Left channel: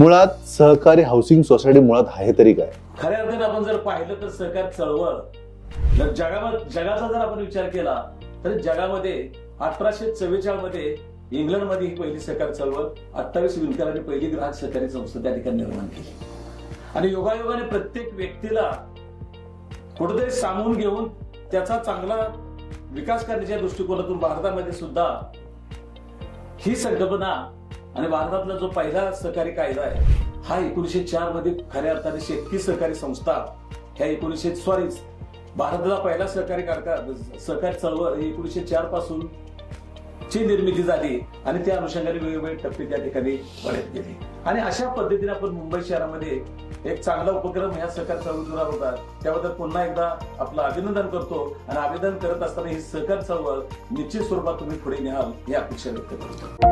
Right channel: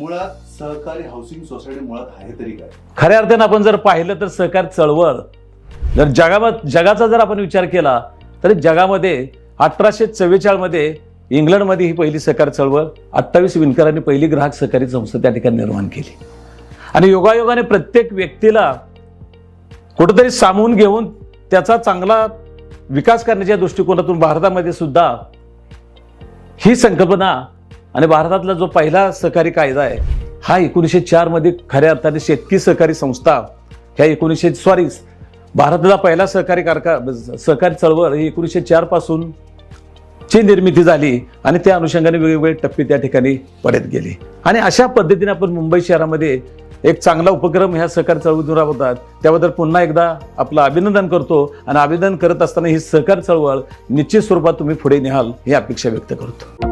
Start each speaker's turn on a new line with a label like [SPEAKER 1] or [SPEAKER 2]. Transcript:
[SPEAKER 1] मुळात सहकारी housing society मुळात आहे तरी काय?
[SPEAKER 2] खऱ्या अर्थानं आपण जर पाहिलं तर सहकार चळवळ जर जगामध्ये जगाचा जर आपण विचार केला तर जगामध्ये अठराशे चव्वेचाळीसमध्ये इंग्लंडमध्ये ही पहिली सहकार चळवळ अठ्ठावीस विणकरांनी पहिली ग्राहक सहकारी संस्था त्या ठिकाणी निर्माण केली. आणि योगायोगाने प्रत्येक व्यक्तीला कुठेतरी सामावून घेऊन त्याचा चांगला विकास करण्याच्या दृष्टिकोनातून भारतामध्ये सुद्धा ही संकल्पना आणि भारतातला जो पहिला सहकारी कायदा आहे हा एकोणीसशे चारमध्ये खऱ्या अर्थाने शेतकी सहकारी संस्था ह्या एकोणीसशे सॉरी भारताचा पहिला सहकारी कारका सहकारी चळवळ ही एकोणीसशे चारपासून ची निर्मिती झाली आणि त्या अनुषंगाने वेगवेगळे टप्पे त्या ठिकाणी पडत गेले. आणि अशा पद्धतीने आपण मुंबई शहरामध्ये एक चांगला उपक्रम ह्या सहकार चळवळीतून राबवतात त्याबद्दल पुन्हा एकदा आपलं अभिनंदन करतो आणि अभिनंदन करत असताना ही सहकार चळवळ निश्चित स्वरूपात तुम्ही पुढे न्याल ही अपेक्षा व्यक्त करतो.